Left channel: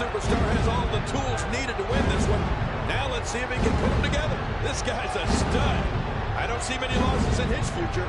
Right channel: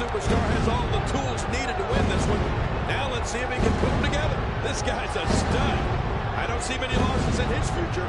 superstar has all the tools needed to win this one. Now let's see if he can put them together. This guy's a stud. I don't see many losses in his future.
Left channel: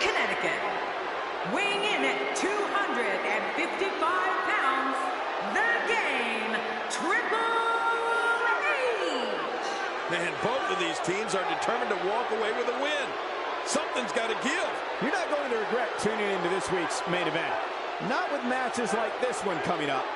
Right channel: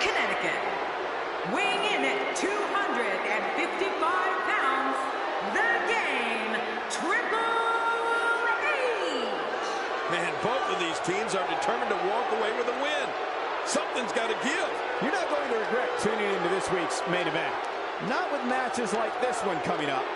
Connecticut, weighing in at 255 pounds, the Game, Triple H. Man, both of these teams are determined to walk away with a win. Something's got to give. You're not going to regret tuning into this week's main event. Not with matches like this one coming up.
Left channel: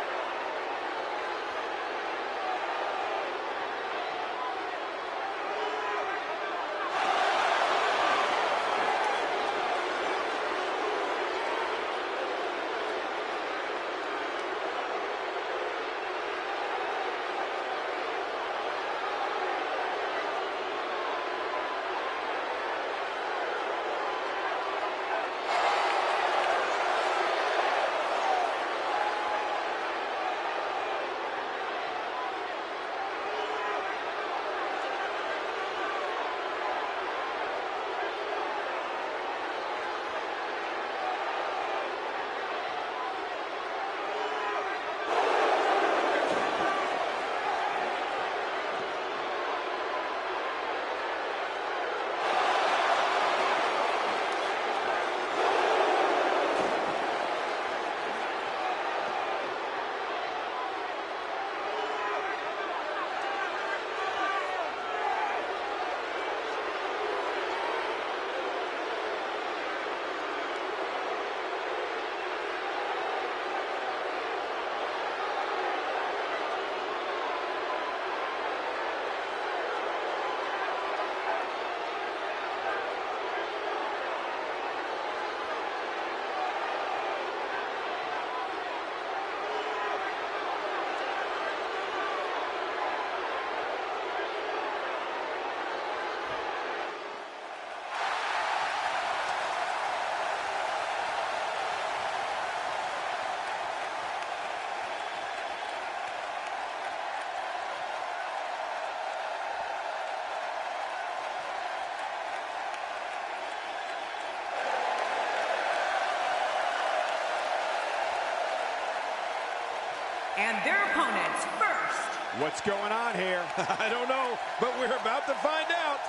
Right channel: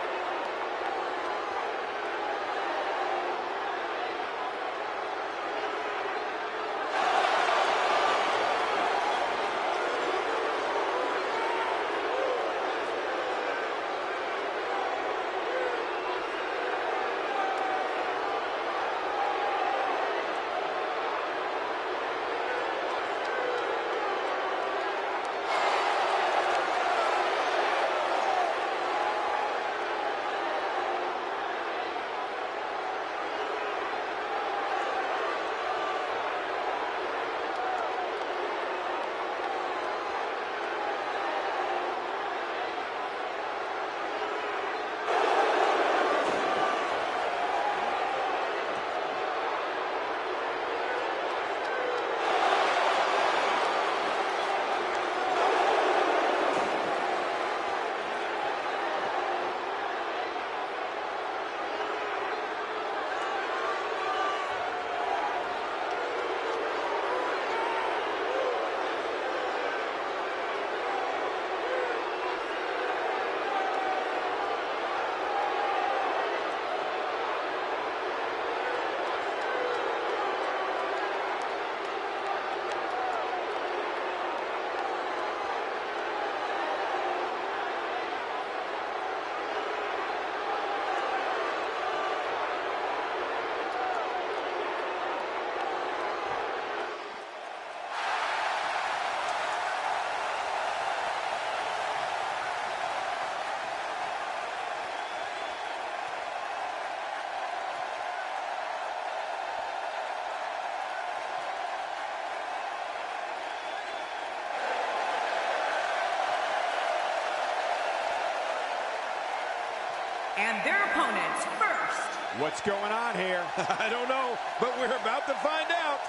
And their opponents first. What's going on here? I don't know, but we're about to find out.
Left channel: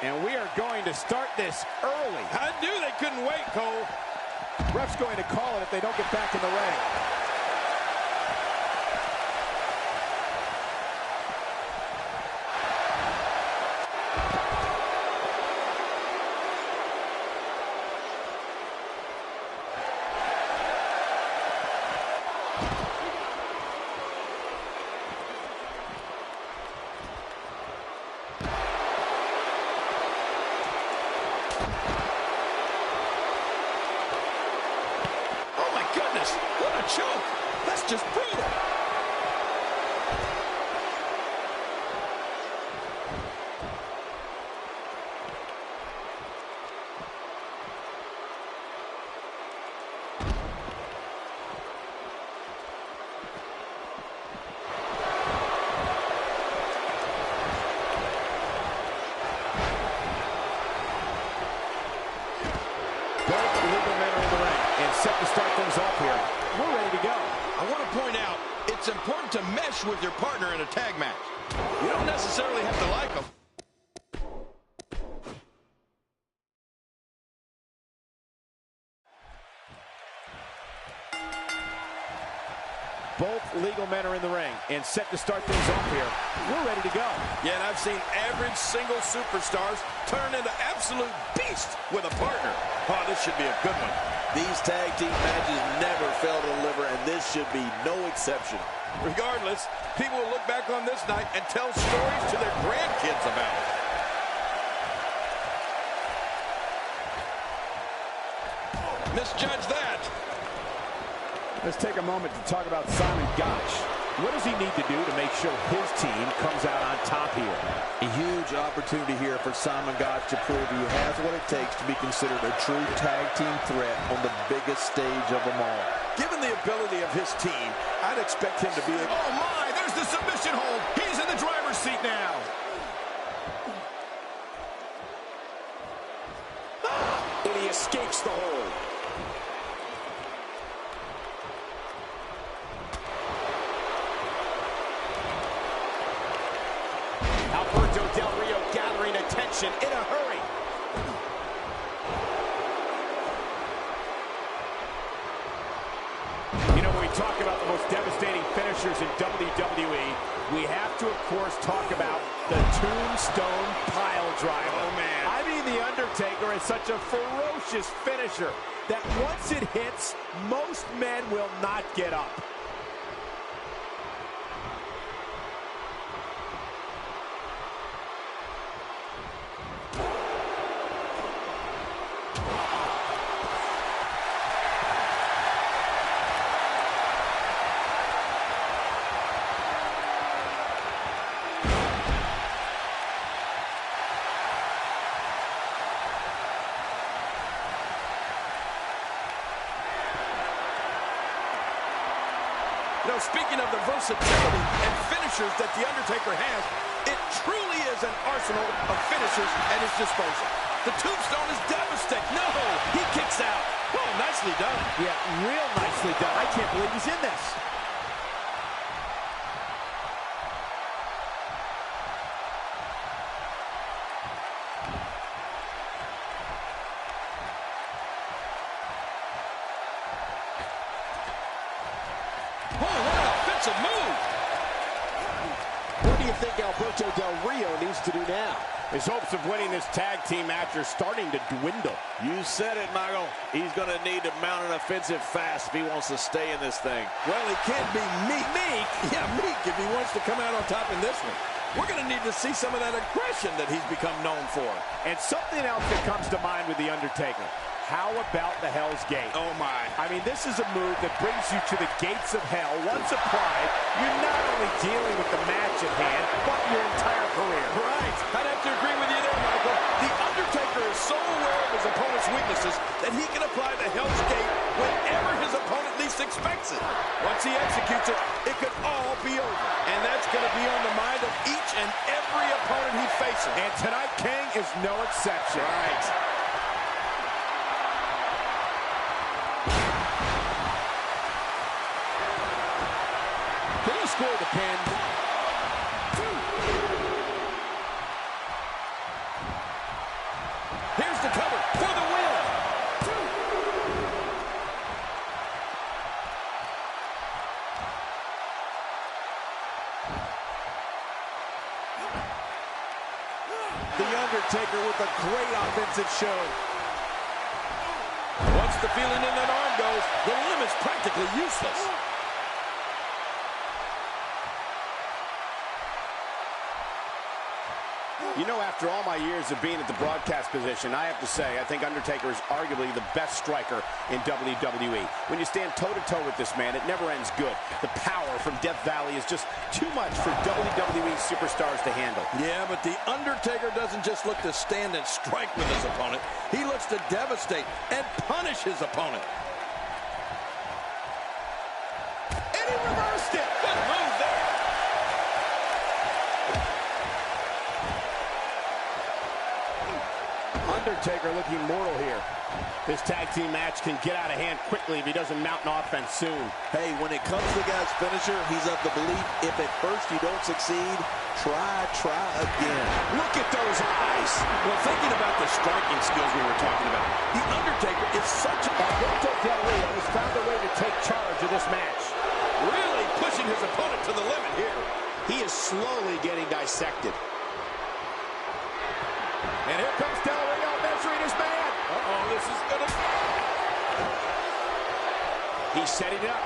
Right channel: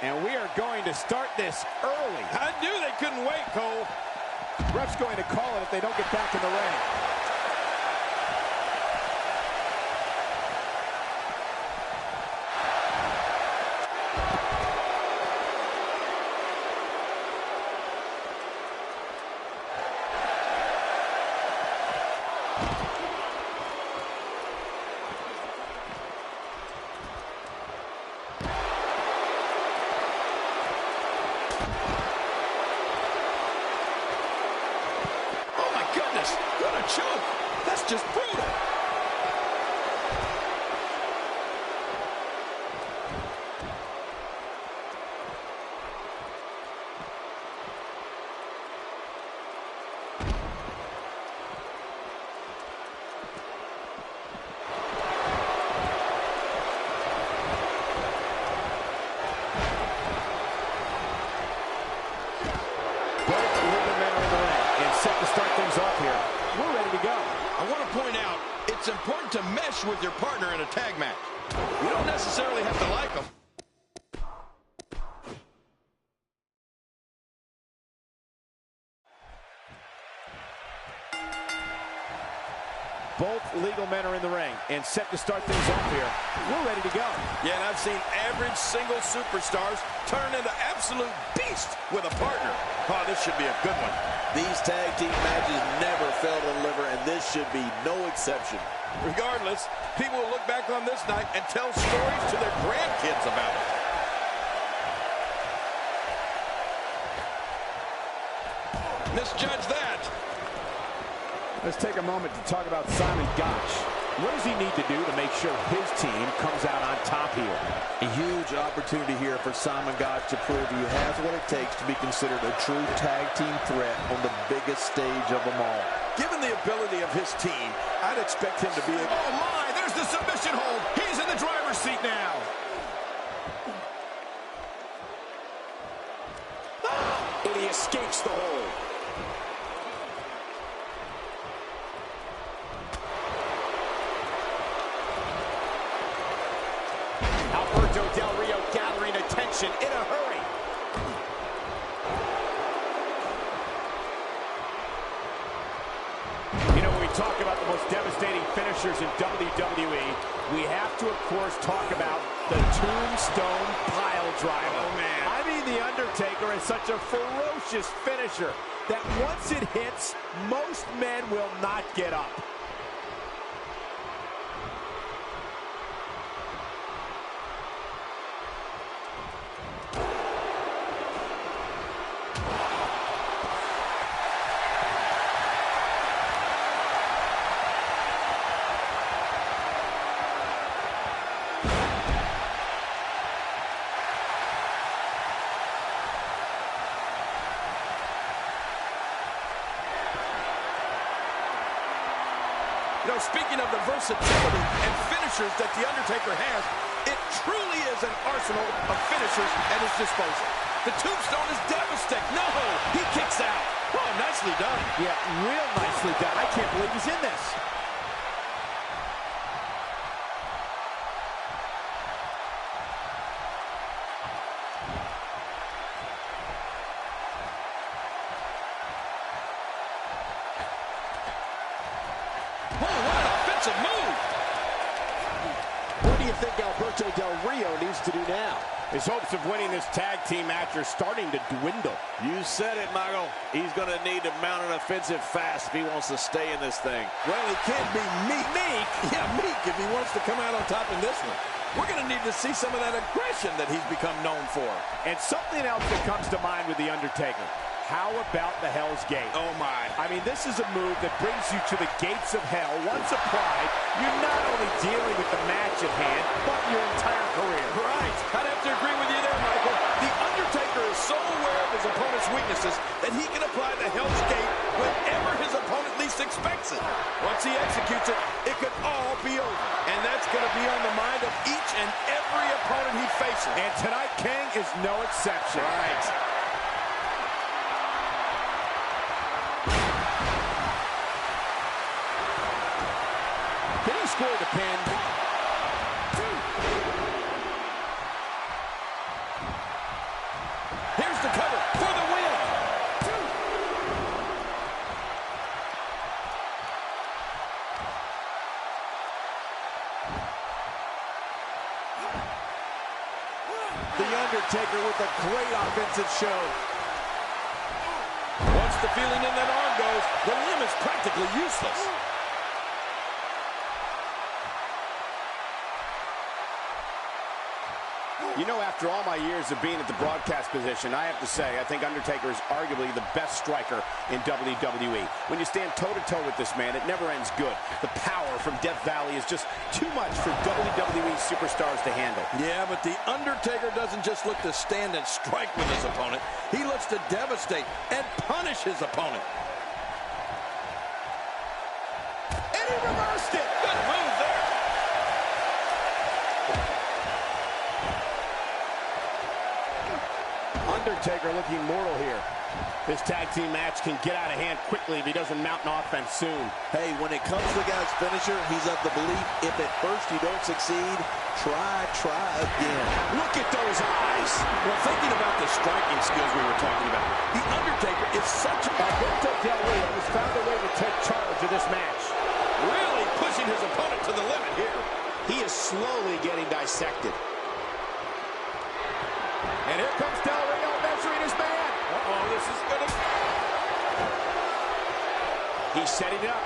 And we are going to start this early. I knew they couldn't wait, Cole. Ref's going to call it if they don't get back in the ring. That's just brutal. Both legal men are in the ring and set to start things off here. We're ready to go. I want to point out, it's important to mesh with your partner in a tag match. You don't necessarily have to like them. Both legal men are in the ring and set to start things off here. We're ready to go. Yeah, and I've seen average single superstars turn into absolute beasts with a partner. Oh, this should be a good one. These tag team matches never fail to deliver, and this should be no exception. Regardless, people will look back on this night and tell stories to their grandkids about it. Misjudge that. Let's take a moment to talk about Simon Gotch. What does he need to do to make sure his team comes out on top here? A huge opportunity here for Simon Gotch to prove he has what it takes to be considered a true tag team threat on the biggest stage of them all. Given the ability of his team, I'd expect him to be a... Oh my, there's the submission hold. He's in the driver's seat now. And he escapes the hold. Alberto Del Rio gathering attention in a hurry. You know, when we talk about the most devastating finishers in WWE, we have to, of course, talk about the Tombstone Pile Driver. Oh, man. I mean, The Undertaker is such a ferocious finisher that once it hits, most men will not get up. You know, speaking of the versatility and finishers that The Undertaker has, it truly is an arsenal of finishers at his disposal. The Tombstone is devastating. No, he kicks out. Oh, nicely done. Yeah, real nicely done. I can't believe he's in this. Oh, what an offensive move. What do you think Alberto Del Rio needs to do now? His hopes of winning this tag team match are starting to dwindle. You said it, Michael. He's going to need to mount an offensive fast if he wants to stay in this thing. Well, he can't be meek. Meek? Yeah, meek if he wants to come out on top in this one. We're going to need to see some of that aggression that he's become known for. And something else that comes to mind with The Undertaker. How about the Hell's Gate? Oh, my. I mean, this is a move that brings you to the gates of hell. Once applied, you're not only dealing with the match at hand, but your entire career. Right. I'd have to agree with you there, Michael. The Undertaker is so aware of his opponent's weaknesses that he can apply the Hell's Gate whenever his opponent least expects it. Once he executes it, it could all be over. And that's going to be on the mind of each and every opponent he faces. And tonight, King, is no exception. Right. Can he score the pin? 1, 2. Here's the cover for the win. 2. The Undertaker with a great offensive show. Once the feeling in that arm goes, the limb is practically useless. You know, after all my years of being at the broadcast position, I have to say, I think Undertaker is arguably the best striker in WWE. When you stand toe-to-toe with this man, it never ends good. The power from Death Valley is just too much for WWE superstars to handle. Yeah, but the Undertaker doesn't just look to stand and strike with his opponent. He looks to devastate and punish his opponent. And he reversed it. Good move there. Undertaker looking mortal here. This tag team match can get out of hand quickly if he doesn't mount an offense soon. Hey, when it comes to the guy's finisher, he's of the belief if at first you don't succeed, try again. Look at those eyes. Well, thinking about the striking skills we were talking about, the Undertaker is such Alberto Del Rio has found a way to take charge of this match. really pushing his opponent to the limit here. He is slowly getting dissected. And here comes Del Rio measuring his man. Uh-oh, this is gonna... He's setting it up.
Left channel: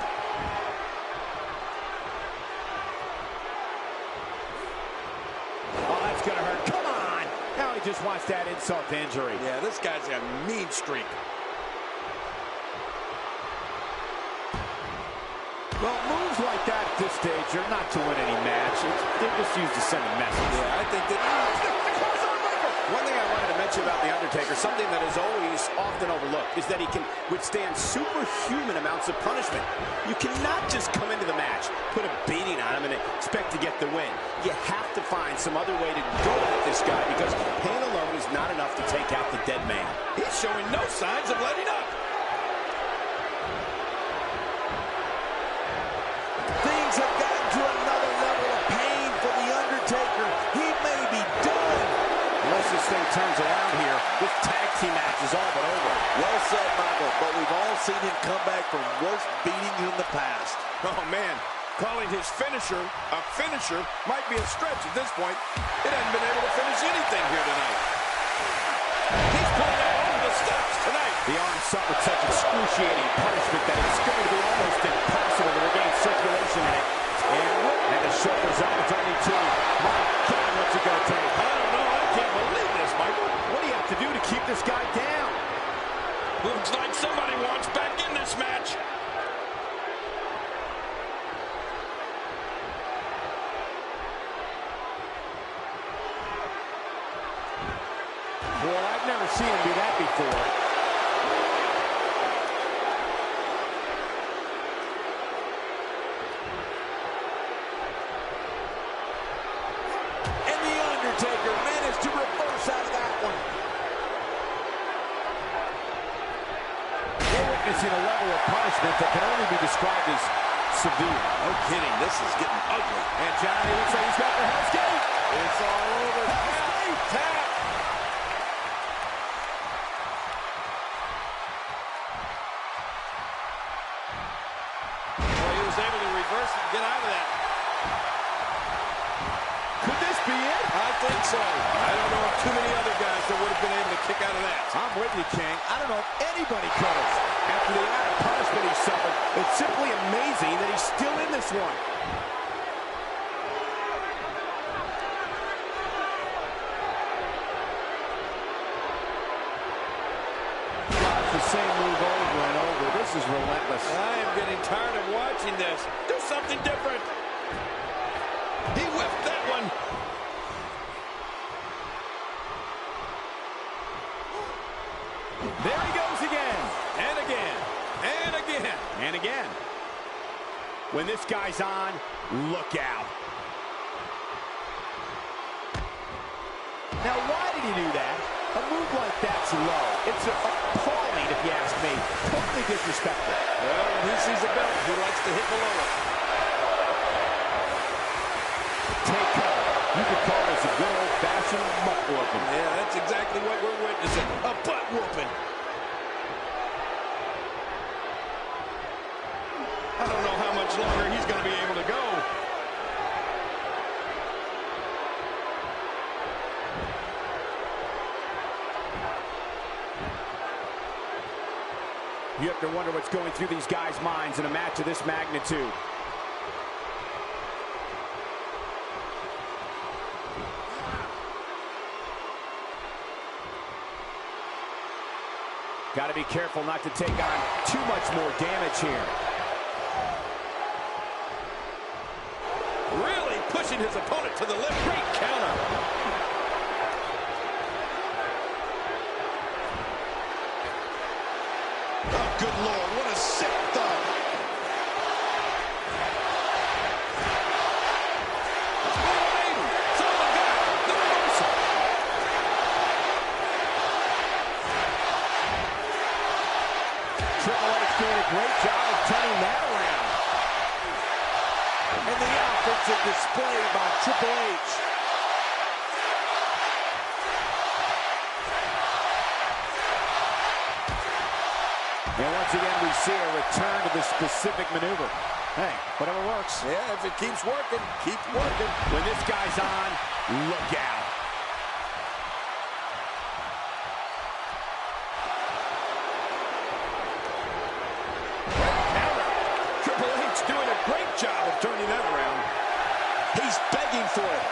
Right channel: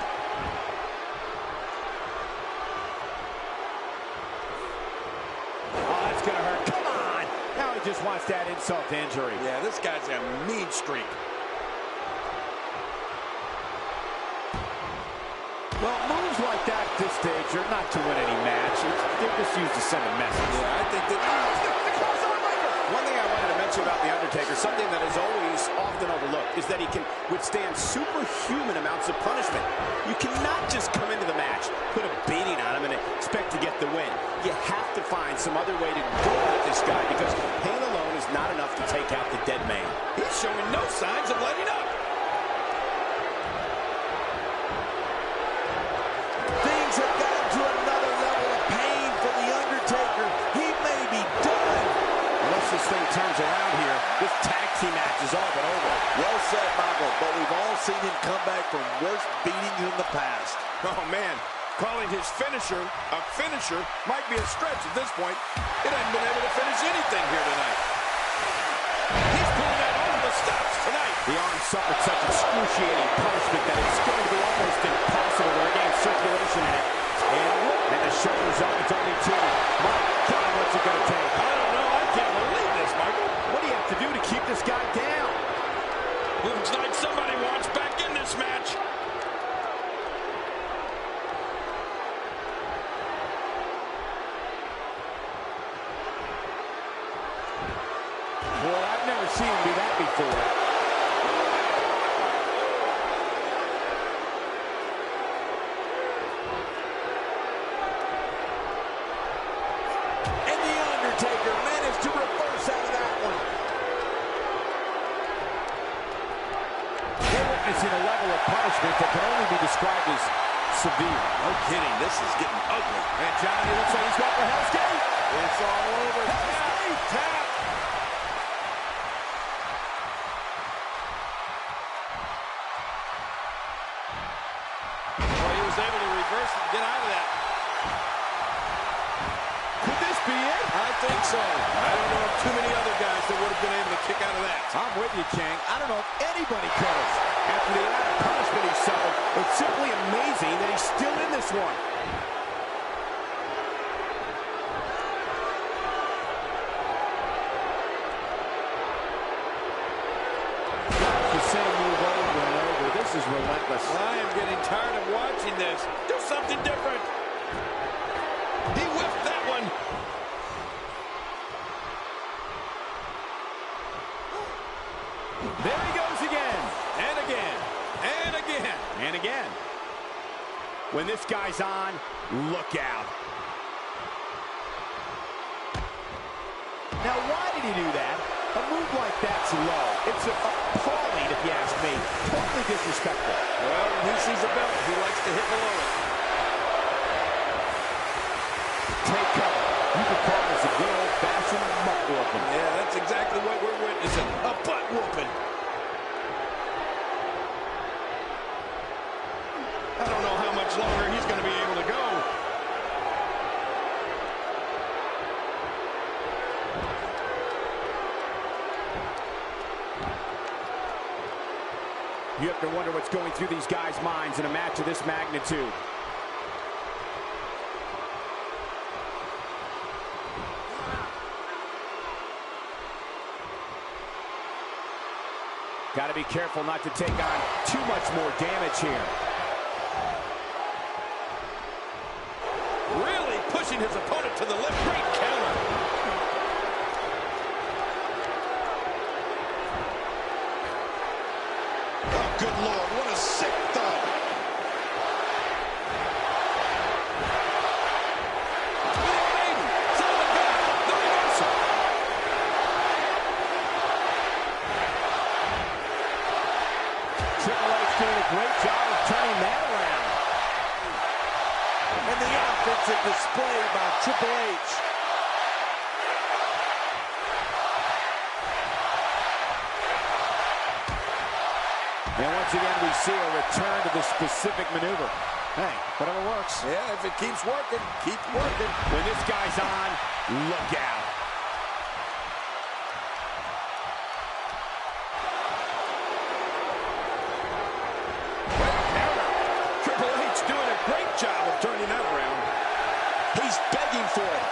Oh, that's gonna hurt. Come on! Now he just wants that insult to injury. Yeah, this guy's a mean streak. Well, moves like that at this stage are not to win any match. They're just used to send a message. Yeah, I think that... The crossover breaker. One thing I wanted to mention about The Undertaker, something that is always often overlooked, is that he can withstand superhuman amounts of punishment. You cannot just come into the match, put a beating on him, and expect to get the win. You have to find some other way to go at this guy, because pain alone is not enough to take out the dead man. He's showing no signs of letting up. Things have gotten to another level of pain for The Undertaker. He may be done. Unless this thing turns around here, this tag team match is all but over. Well said, Michael, but we've all seen him come back from worse beatings in the past. Oh, man. Calling his finisher a finisher might be a stretch at this point. It hasn't been able to finish anything here tonight. He's pulling out all of the stops tonight. The arm suffered such excruciating punishment that it's going to be almost impossible to regain circulation in it. And the shoulder's up. It's only two. My God, what's it going to take? I don't know. I can't believe this, Michael. What do you have to do to keep this guy down? Looks like somebody wants back in this match. Well, I've never seen him do that before. And The Undertaker managed to reverse out of that one. We're witnessing a level of punishment that can only be described as severe. No kidding. This is getting ugly. And Johnny looks like he's going for Hell's Gate. It's all over. Hell's Gate. Tap. Well, he was able to reverse it and get out of that. Could this be it? I think so. I don't know of too many other guys that would have been able to kick out of that. I'm with you, King. I don't know if anybody could have. After the amount of punishment he suffered, it's simply amazing that he's still in this one. It's the same move over and over. This is relentless. I am getting tired of watching this. Do something different. He whiffed that one. There he goes again. And again. And again. And again. When this guy's on, look out. Now, why did he do that? A move like that's low. It's appalling, if you ask me. Totally disrespectful. Well, when he sees a belt, he likes to hit below it. Take cover. You could call this a good old-fashioned butt whooping. Yeah, that's exactly what we're witnessing. A butt whooping. I don't know how much longer he's going to be able to go. You have to wonder what's going through these guys' minds in a match of this magnitude. Got to be careful not to take on too much more damage here. Really pushing his opponent to the limit. Great counter. Oh, good Lord, what a sick thud. Triple H doing a great job of turning that around. And the offensive display by Triple H. And once again, we see a return to the specific maneuver. Hey, whatever works. Yeah, if it keeps working, keep working. When this guy's on, look out. Triple H doing a great job of turning that around. He's begging for it.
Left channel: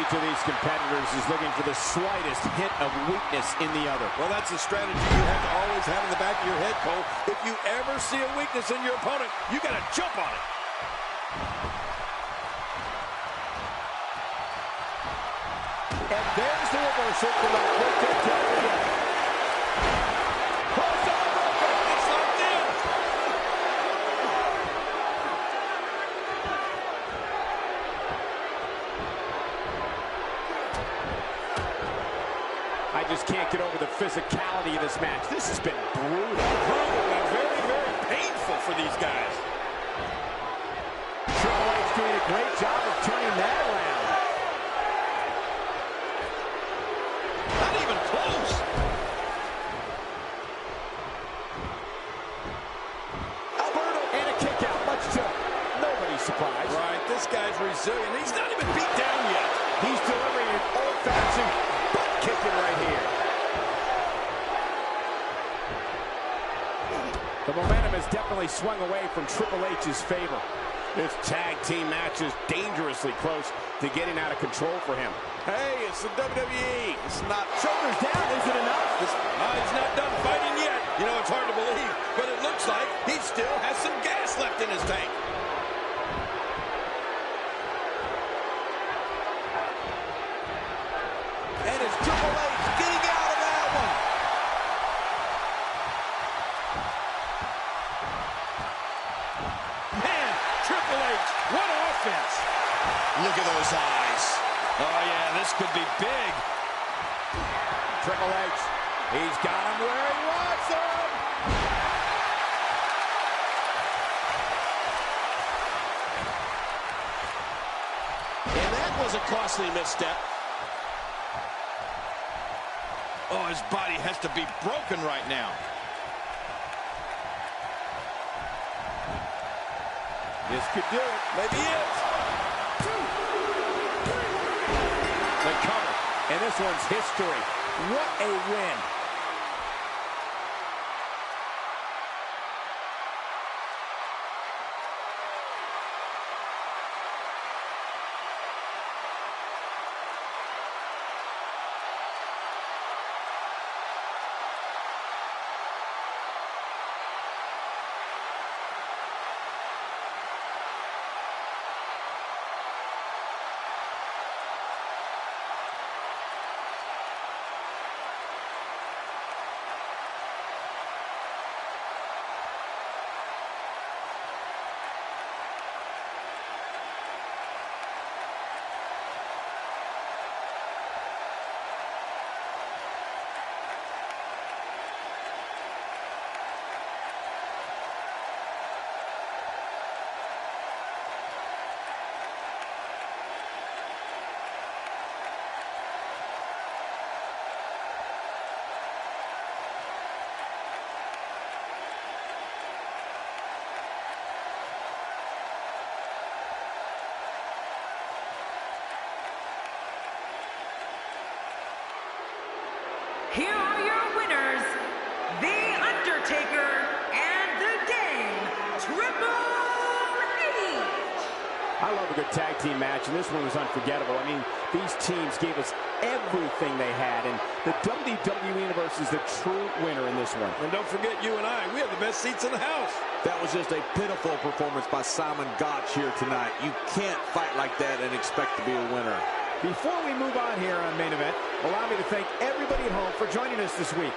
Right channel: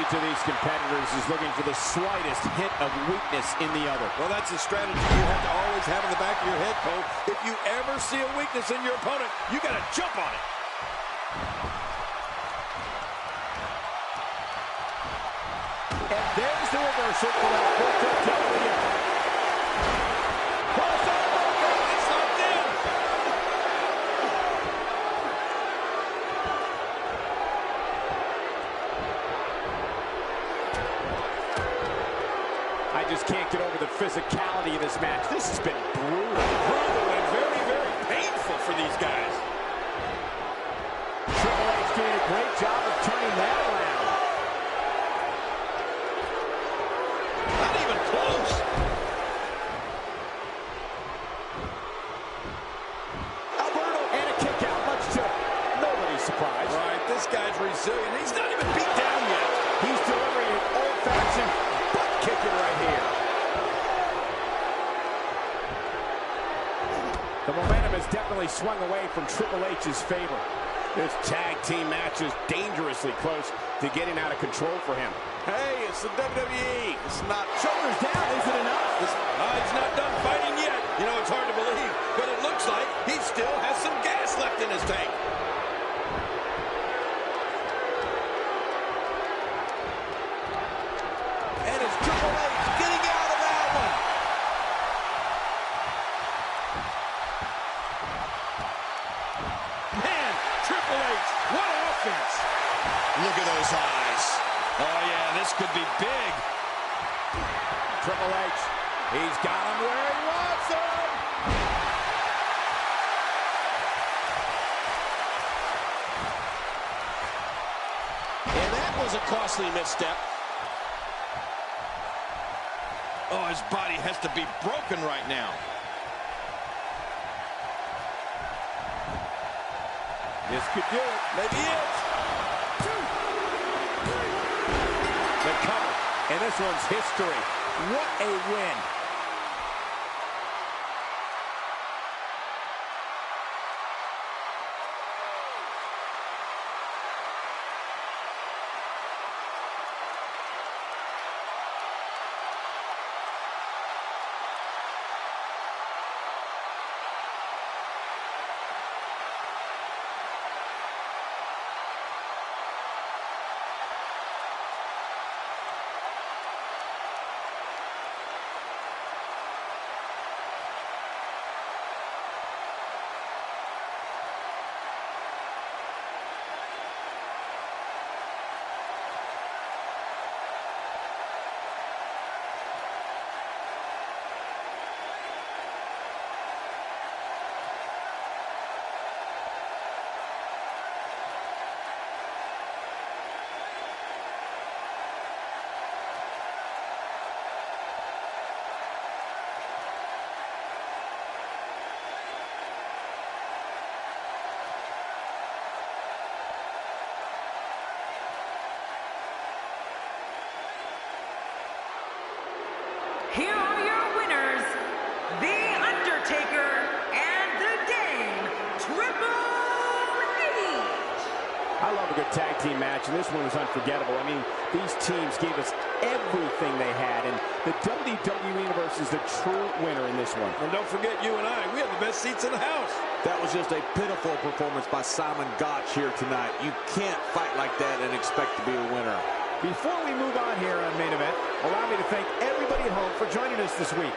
Each of these competitors is looking for the slightest hint of weakness in the other. Well, that's a strategy you have to always have in the back of your head, Cole. If you ever see a weakness in your opponent, you got to jump on it. And there's the reversal from Alberto Del Rio. Crossover, It's locked in. I just can't get over the physicality of this match. This has been brutal. Brutal and very, very painful for these guys. Triple H doing a great job of turning that around. Not even close. Alberto, and a kick out, much to nobody's surprise. Right, this guy's resilient. He's not even beat down yet. He's delivering an old-fashioned butt kicking right here. The momentum has definitely swung away from Triple H's favor. This tag team match is dangerously close to getting out of control for him. Hey, it's the WWE. It's not... Shoulders down, is it enough? He's not done fighting yet. You know, it's hard to believe, but it looks like he still has some gas left in his tank. And it's Triple H getting out of that one. Man, Triple H, what offense. Look at those eyes. Oh, yeah, this could be big. Triple H, he's got him where he wants him. And that was a costly misstep. Oh, his body has to be broken right now. This could do it. Maybe it. The cover, and this one's history. What a win. Here are your winners, The Undertaker and The Game, Triple H. I love a good tag team match, and this one was unforgettable. I mean, these teams gave us everything they had, and the WWE Universe is the true winner in this one. And don't forget, you and I, we have the best seats in the house. That was just a pitiful performance by Simon Gotch here tonight. You can't fight like that and expect to be a winner. Before we move on here on Main Event, allow me to thank everybody at home for joining us this week.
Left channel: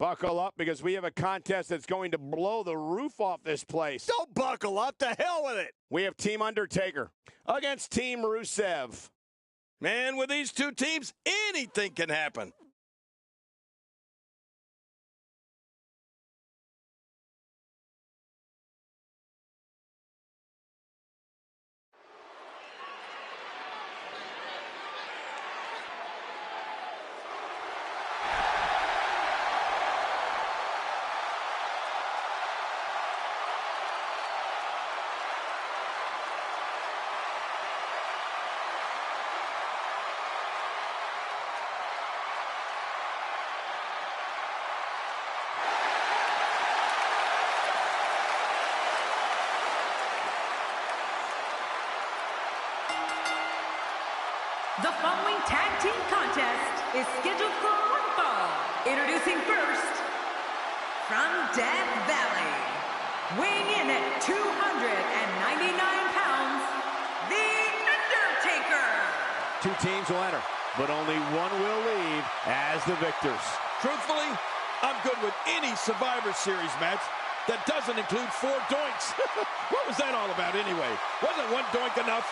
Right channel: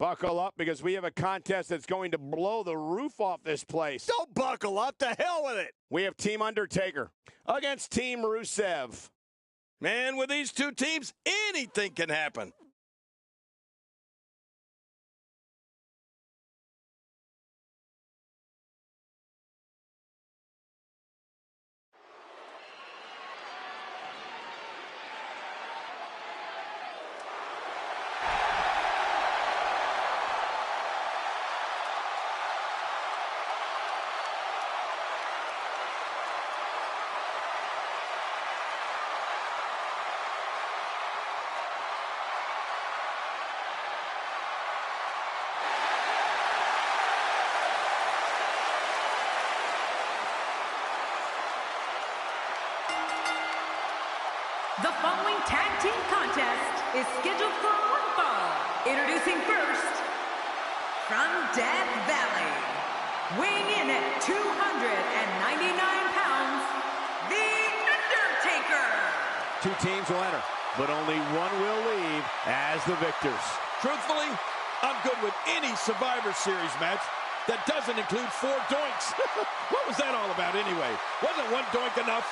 Buckle up, because we have a contest that's going to blow the roof off this place. Don't buckle up. To hell with it. We have Team Undertaker against Team Rusev. Man, with these two teams, anything can happen. The following tag team contest is scheduled for one fall. Introducing first, from Death Valley, weighing in at 299 pounds, The Undertaker. Two teams will enter, but only one will leave as the victors. Truthfully, I'm good with any Survivor Series match that doesn't include 4 doinks. What was that all about anyway? Wasn't one doink enough?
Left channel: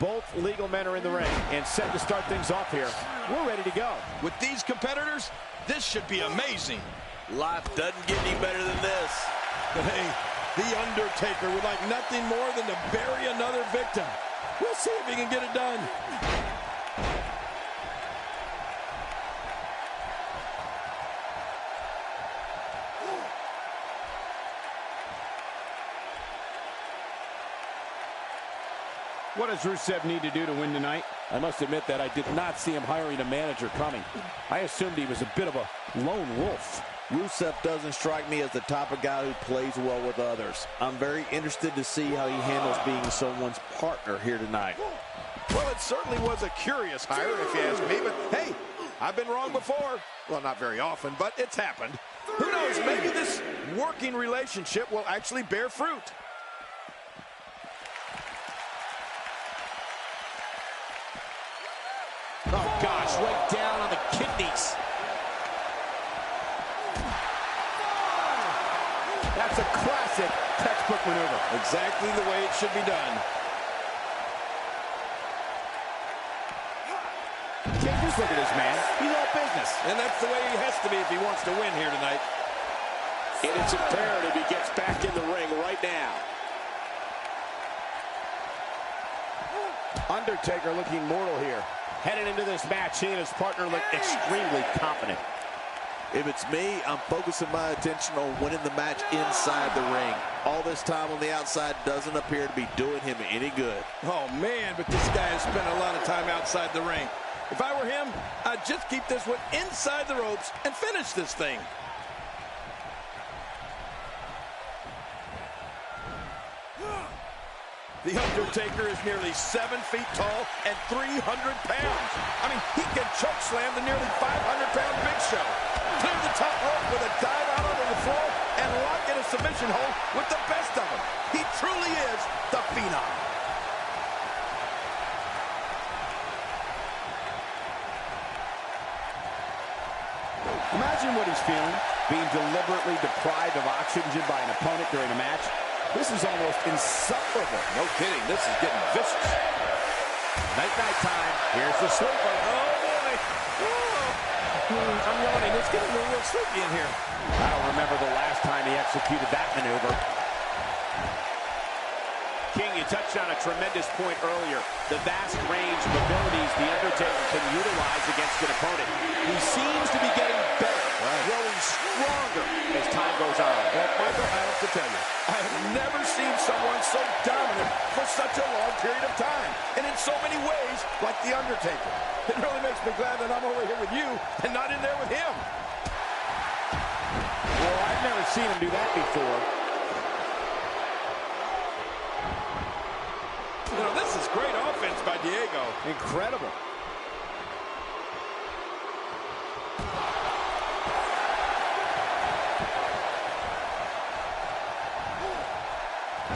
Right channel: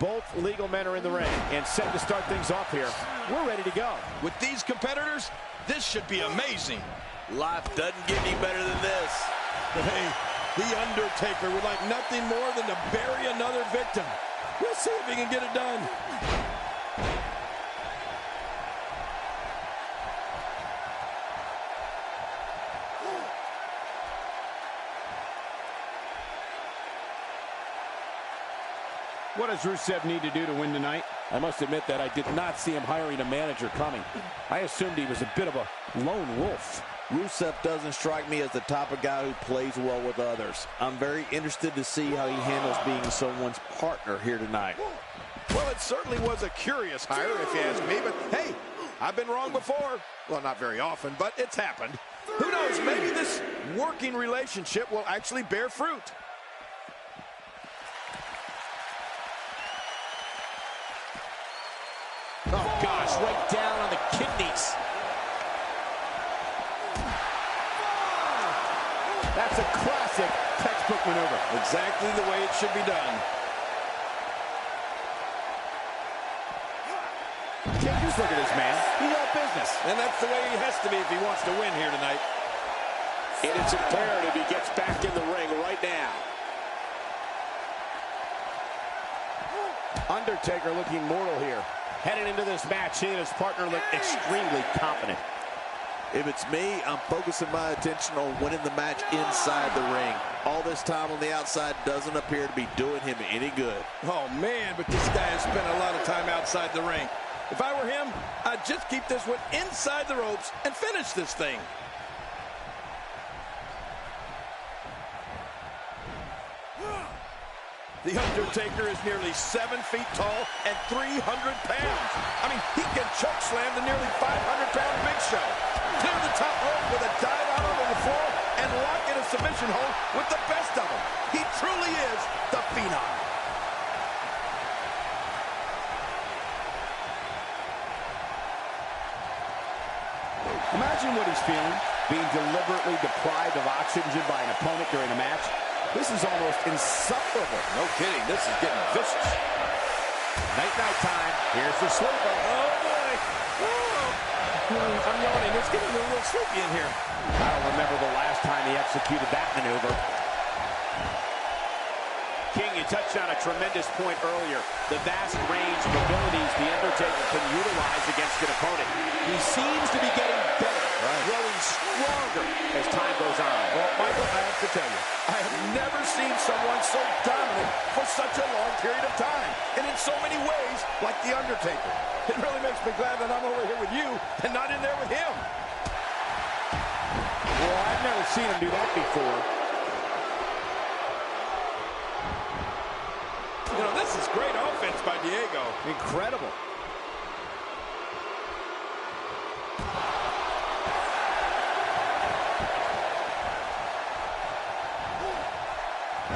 Both legal men are in the ring and set to start things off here. We're ready to go. With these competitors, this should be amazing. Life doesn't get any better than this. But hey, The Undertaker would like nothing more than to bury another victim. We'll see if he can get it done. What does Rusev need to do to win tonight? I must admit that I did not see him hiring a manager coming. I assumed he was a bit of a lone wolf. Rusev doesn't strike me as the type of guy who plays well with others. I'm very interested to see how he handles being someone's partner here tonight. Well, it certainly was a curious hire, if you ask me, but hey, I've been wrong before. Well, not very often, but it's happened. Who knows, maybe this working relationship will actually bear fruit. Oh, gosh, right down on the kidneys. That's a classic textbook maneuver. Exactly the way it should be done. Can't just look at this man. He's all business. And that's the way he has to be if he wants to win here tonight. And it's imperative he gets back in the ring right now. Undertaker looking mortal here. Heading into this match, he and his partner look extremely confident. If it's me, I'm focusing my attention on winning the match inside the ring. All this time on the outside doesn't appear to be doing him any good. Oh, man, but this guy has spent a lot of time outside the ring. If I were him, I'd just keep this one inside the ropes and finish this thing. The Undertaker is nearly 7 feet tall and 300 pounds. I mean, he can choke slam the nearly 500-pound Big Show. Clear the top rope with a dive out onto the floor and lock in a submission hold with the best of them. He truly is the Phenom. Imagine what he's feeling, being deliberately deprived of oxygen by an opponent during a match. This is almost insufferable. No kidding, this is getting vicious. Night-night time. Here's the sleeper. Oh, boy. Oh. I'm yawning. It's getting a little sleepy in here. I don't remember the last time he executed that maneuver. King, you touched on a tremendous point earlier. The vast range of abilities The Undertaker can utilize against an opponent. He seems to be getting better, growing stronger as time goes on. Well, Michael, I have to tell you, I have never seen someone so dominant for such a long period of time, and in so many ways, like The Undertaker. It really makes me glad that I'm over here with you and not in there with him. Well, I've never seen him do that before. You know, this is great offense by Diego. Incredible.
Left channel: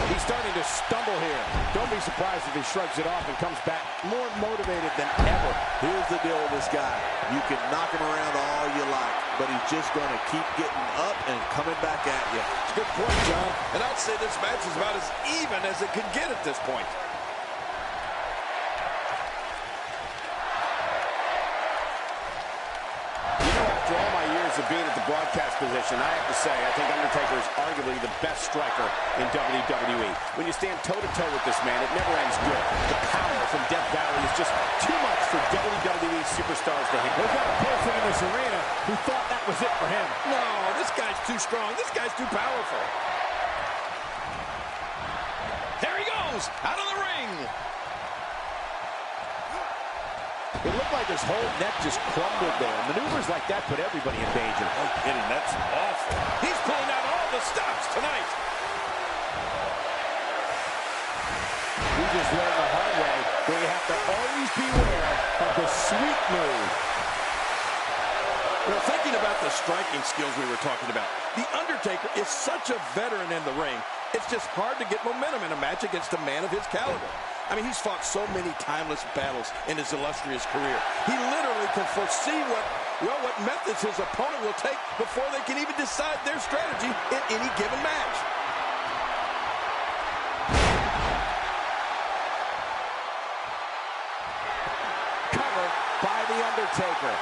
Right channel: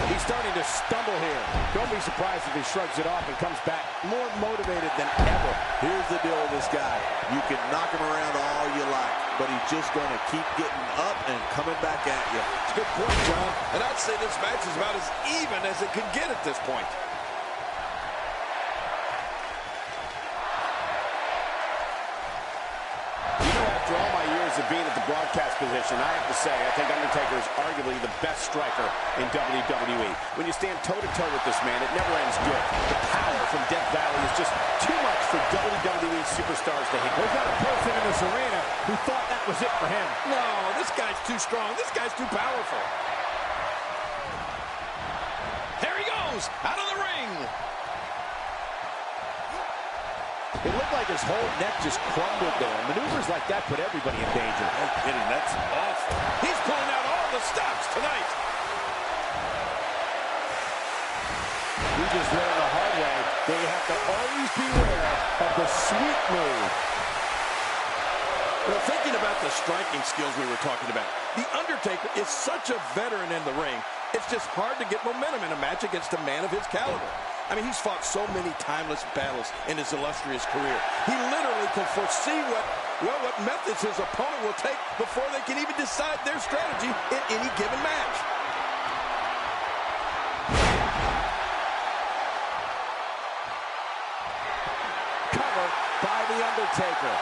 He's starting to stumble here. Don't be surprised if he shrugs it off and comes back more motivated than ever. Here's the deal with this guy. You can knock him around all you like, but he's just going to keep getting up and coming back at you. It's a good point, John. And I'd say this match is about as even as it could get at this point. After all my years of being at the broadcast position, I have to say, I think Undertaker is arguably the best striker in WWE. When you stand toe-to-toe with this man, it never ends good. The power from Death Valley is just too much for WWE superstars to handle. There's not a person in this arena who thought that was it for him. No, this guy's too strong. This guy's too powerful. There he goes, out of the ring. It looked like his whole neck just crumbled there. Maneuvers like that put everybody in danger. No kidding, that's awful. He's pulling out all the stops tonight. We just learned the hard way that you have to always beware of the sweep move. Well, thinking about the striking skills we were talking about, The Undertaker is such a veteran in the ring. It's just hard to get momentum in a match against a man of his caliber. I mean, he's fought so many timeless battles in his illustrious career. He literally can foresee what methods his opponent will take before they can even decide their strategy in any given match. by The Undertaker.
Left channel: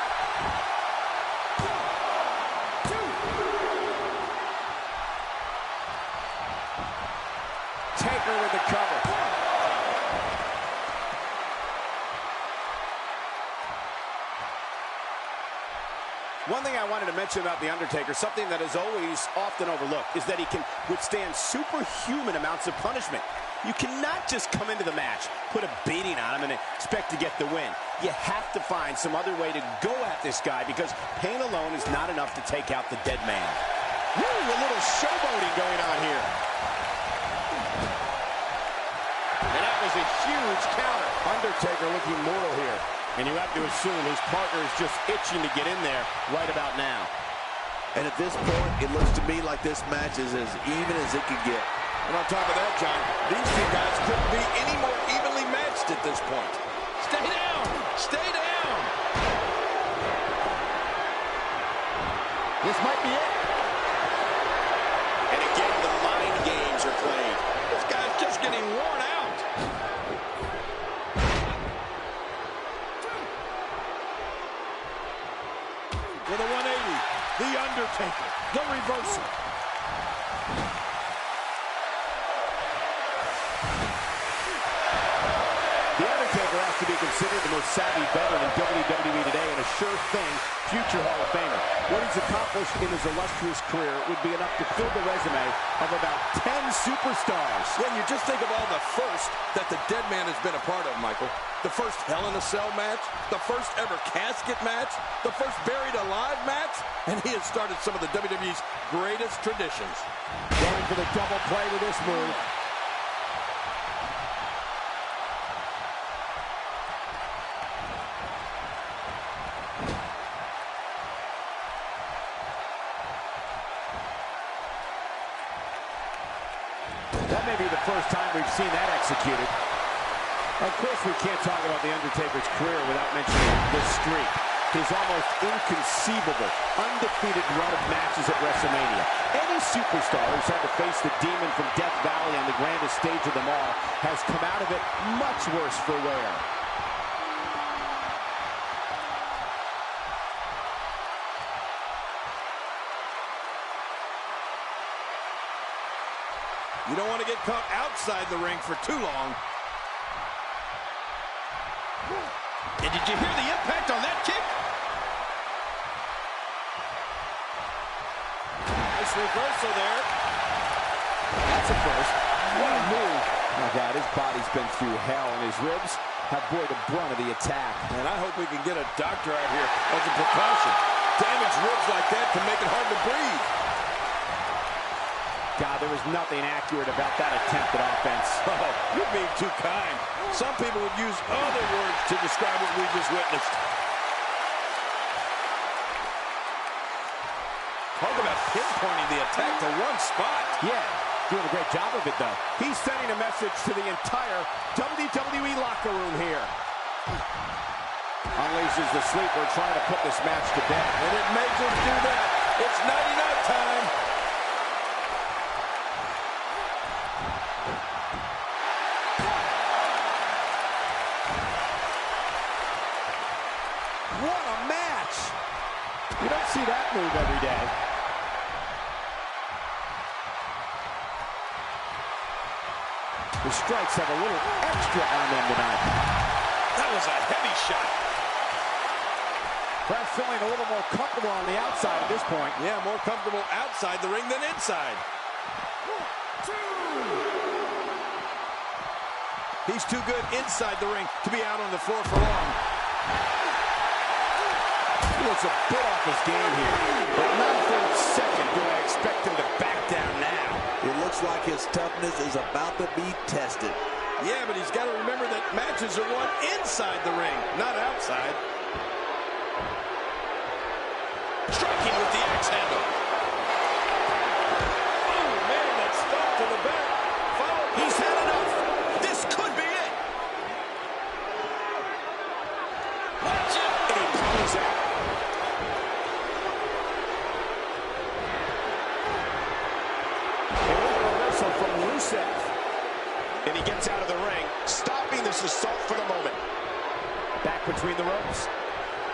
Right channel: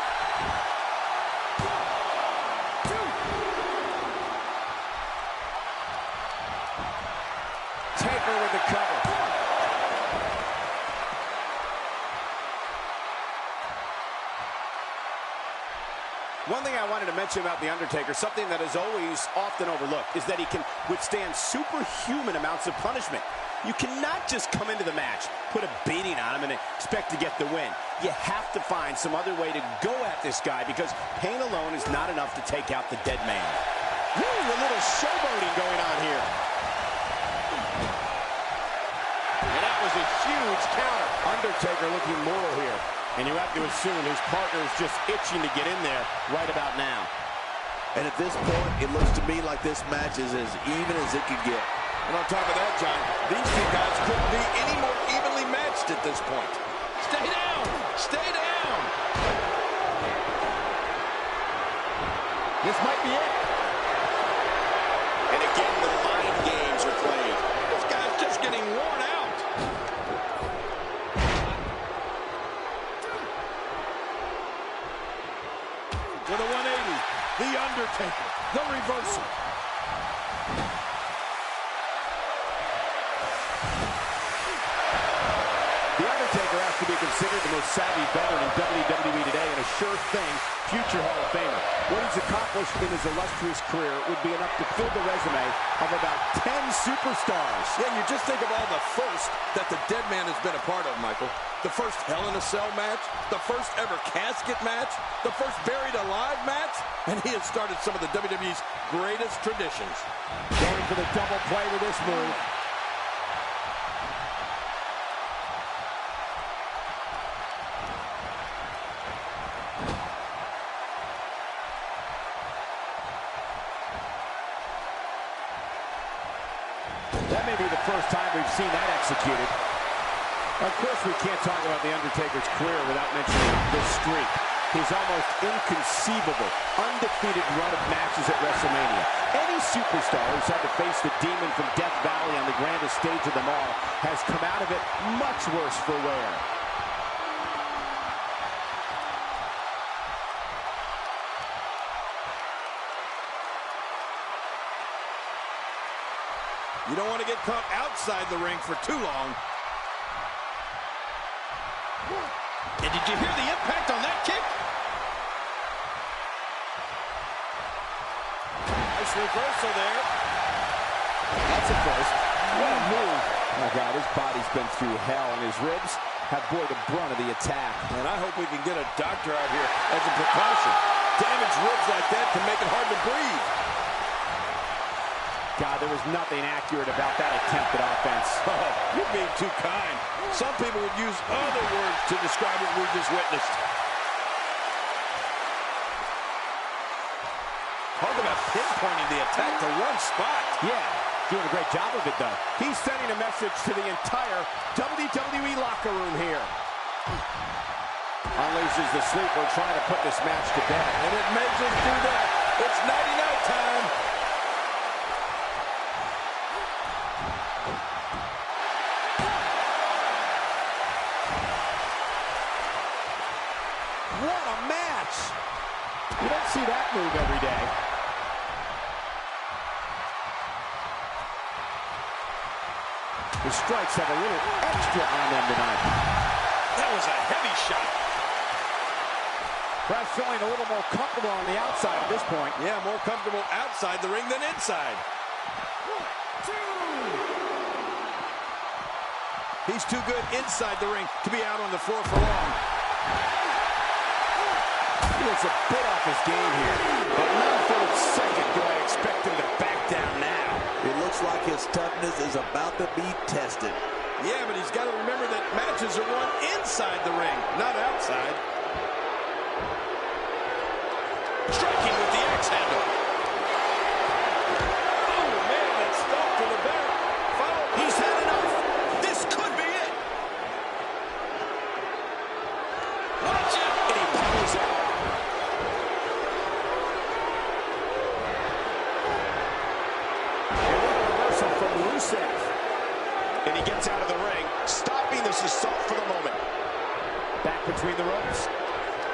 Taker with the cover. One thing I wanted to mention about The Undertaker, something that is always often overlooked, is that he can withstand superhuman amounts of punishment. You cannot just come into the match, put a beating on him, and expect to get the win. You have to find some other way to go at this guy because pain alone is not enough to take out the dead man. Woo, a little showboating going on here. And that was a huge counter. Undertaker looking mortal here. And you have to assume his partner is just itching to get in there right about now. And at this point, it looks to me like this match is as even as it could get. And on top of that, John, these two guys couldn't be any more evenly matched at this point. Stay down! Stay down! This might be it. And again, the mind games are played. This guy's just getting worn out. With a 180, The Undertaker, the reversal. The Undertaker has to be considered the most savvy veteran in WWE today and a sure thing future Hall of Famer. What he's accomplished in his illustrious career would be enough to fill the resume of about 10 superstars. Yeah, and you just think of all the first that the dead man has been a part of, Michael. The first Hell in a Cell match, the first ever casket match, the first buried alive match, and he has started some of the WWE's greatest traditions. Going for the double play with this move. That may be the first time we've seen that executed. Of course, we can't talk about The Undertaker's career without mentioning this streak. His almost inconceivable, undefeated run of matches at WrestleMania. Any superstar who's had to face the demon from Death Valley on the grandest stage of them all has come out of it much worse for wear. You don't want to get caught outside the ring for too long. And did you hear the impact on that kick? Nice reversal there. That's a first. What a move. My God, his body's been through hell, and his ribs have bore the brunt of the attack. And I hope we can get a doctor out here as a precaution. Damaged ribs like that can make it hard to breathe. God, there was nothing accurate about that attempt at offense. Oh, you're being too kind. Some people would use other words to describe what we just witnessed. Talk about pinpointing the attack to one spot. Yeah, doing a great job of it, though. He's sending a message to the entire WWE locker room here. Unleashes the sleeper, trying to put this match to bed. And it may just do that. It's nighty-night time. What a match! You don't see that move every day. The strikes have a little extra on them tonight. That was a heavy shot. Perhaps feeling a little more comfortable on the outside at this point. Yeah, more comfortable outside the ring than inside. 1, 2. He's too good inside the ring to be out on the floor for long. He looks a bit off his game here, but not for a second do I expect him to back down now. It looks like his toughness is about to be tested. Yeah, but he's got to remember that matches are won inside the ring, not outside. Striking with the axe handle. Oh, man, that stomp to the back. Follow. He's had enough. This could be it. Watch it. And he powers out. And what a reversal from Rusev. And he gets out of the ring, stopping this assault for the moment. Back between the ropes.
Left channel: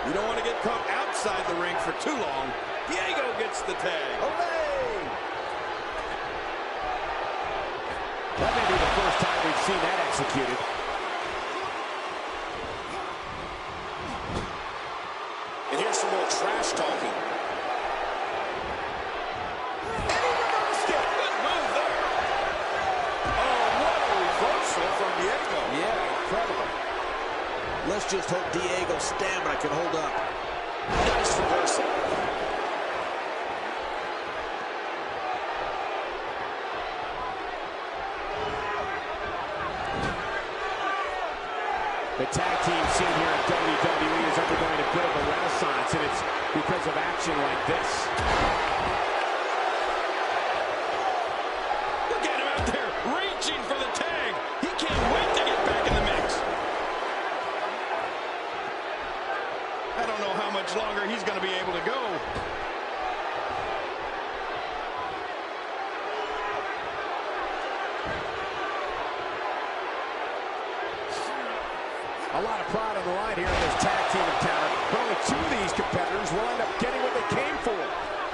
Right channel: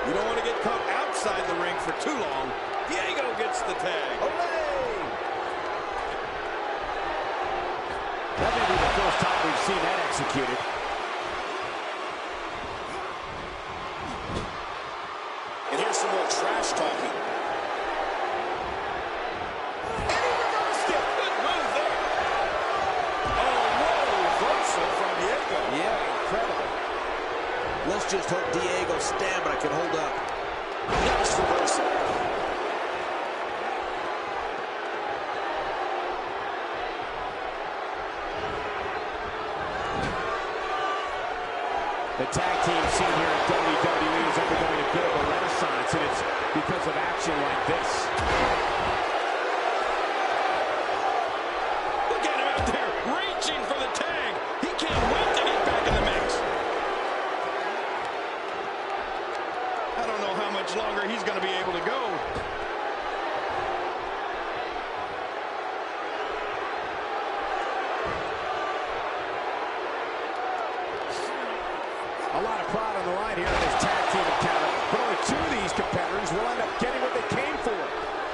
You don't want to get caught outside the ring for too long. Diego gets the tag. Olay! That may be the first time we've seen that executed. And here's some more trash talking. And he reversed it. Good move there. Oh, what a reversal from Diego. Yeah, incredible. Let's just hope Diego's stamina can hold up. Nice reversal. The tag team scene here in WWE is undergoing a bit of a renaissance, and it's because of action like this. Look at him out there, reaching for the tag. He can't wait to get back in the mix. I don't know how much longer he's going to be able to go. A lot of pride on the line here in this tag team encounter, but only two of these competitors will end up getting what they came for.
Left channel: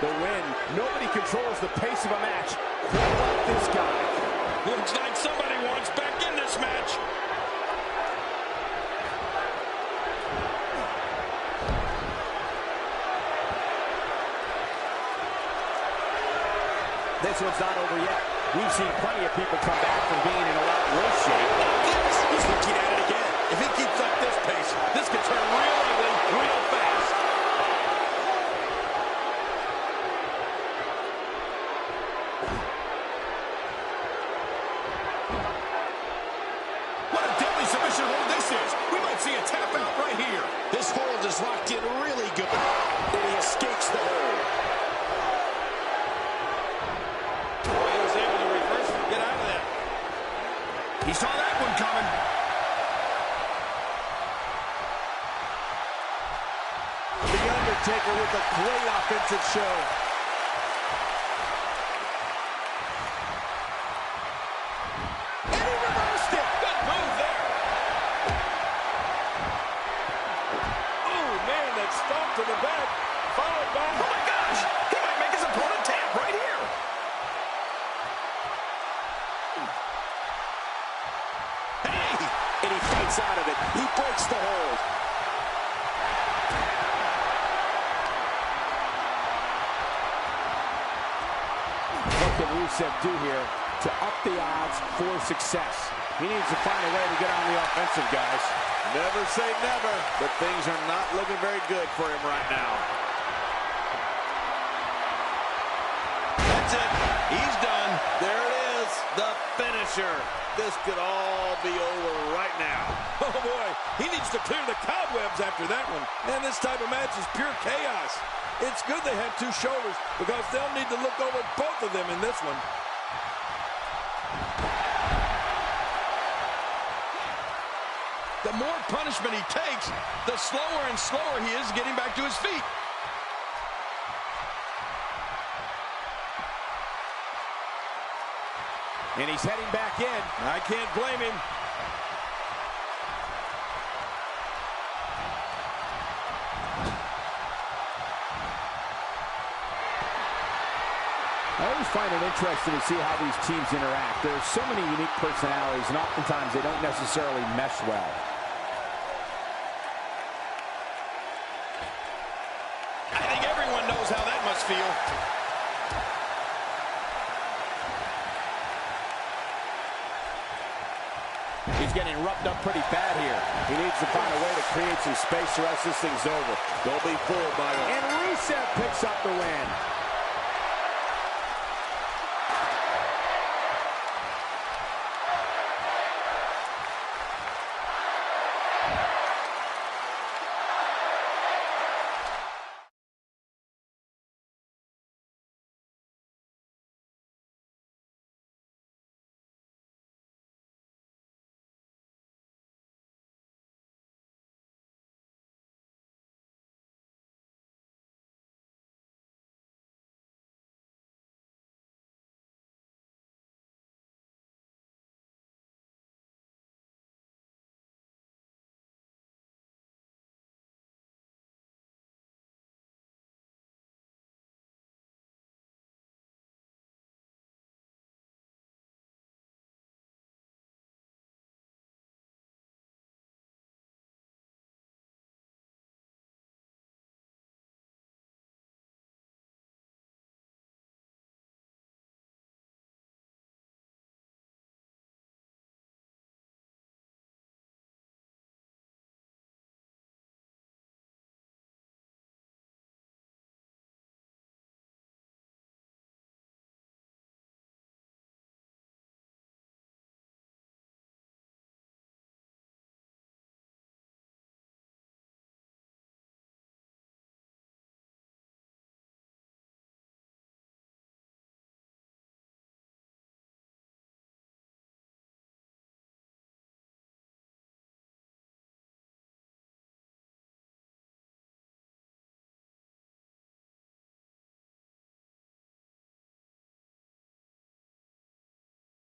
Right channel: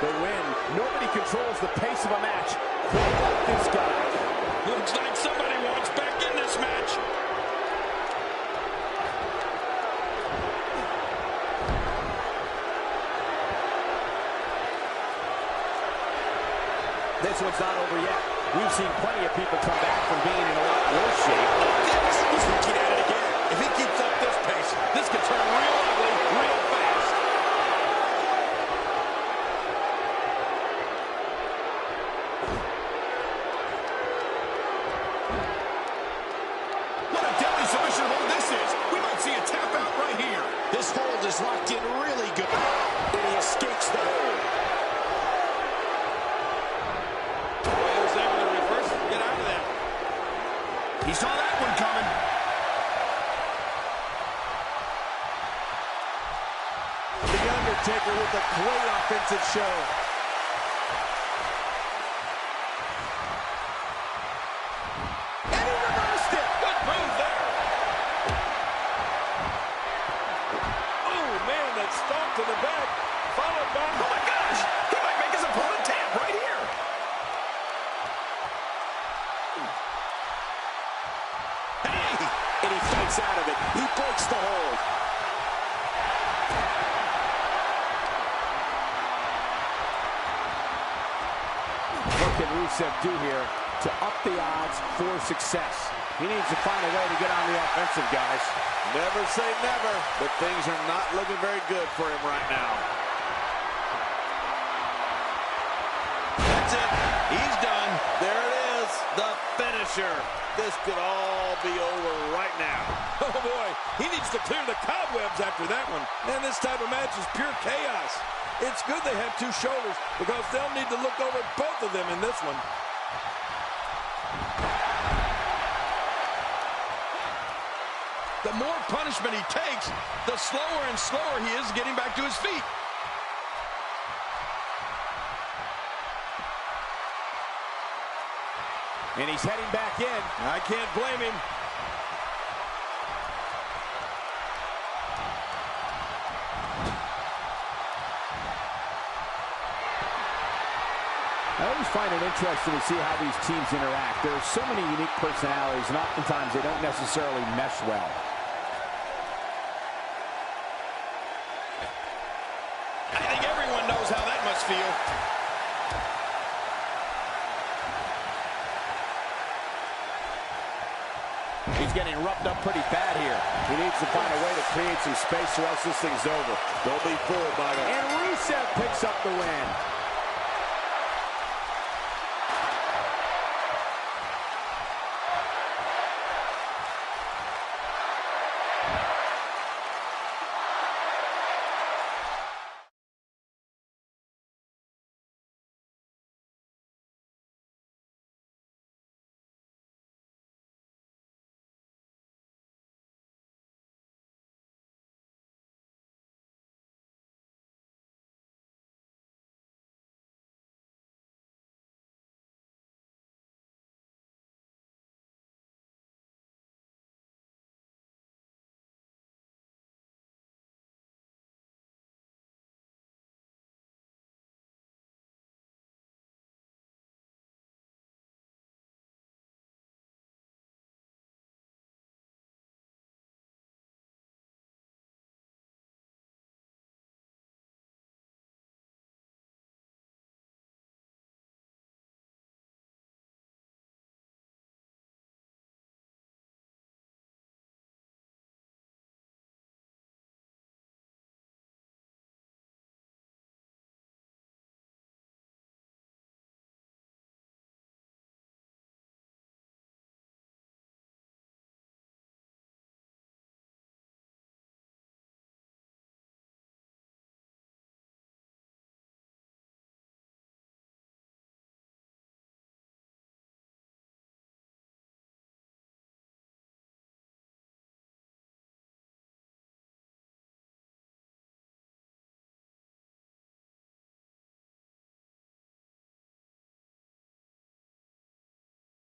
The win. Nobody controls the pace of a match quite like this guy. Looks like somebody wants back in this match. This one's not over yet. We've seen plenty of people come back from being in a lot worse shape. He's looking at it again. If he keeps up this pace, this could turn real ugly real fast. What a deadly submission hold this is. We might see a tap out right here. This hold is locked in really good. And he escapes the hold. Boy, he was able to reverse it and get out of that. He saw that one coming. The Undertaker with a great offensive show. And he reversed it. Good move there. Oh, man, that stomp to the back, followed by... Oh, my gosh. He might make his opponent tap right here. Hey! And he fights out of it. He breaks the hold. What can Rusev do here to up the odds for success? He needs to find a way to get on the offensive, guys. Never say never, but things are not looking very good for him right now. That's it. He's done. There it is, the finisher. This could all be over right now. Oh, boy. He needs to clear the cobwebs after that one. And this type of match is pure chaos. It's good they have two shoulders because they'll need to look over both of them in this one. The more punishment he takes, the slower and slower he is getting back to his feet. And he's heading back in. I can't blame him. I always find it interesting to see how these teams interact. There are so many unique personalities, and oftentimes they don't necessarily mesh well. I think everyone knows how that must feel. He's getting roughed up pretty bad here. He needs to find a way to create some space or else this thing's over. Don't be fooled, Michael. And Rusev picks up the win.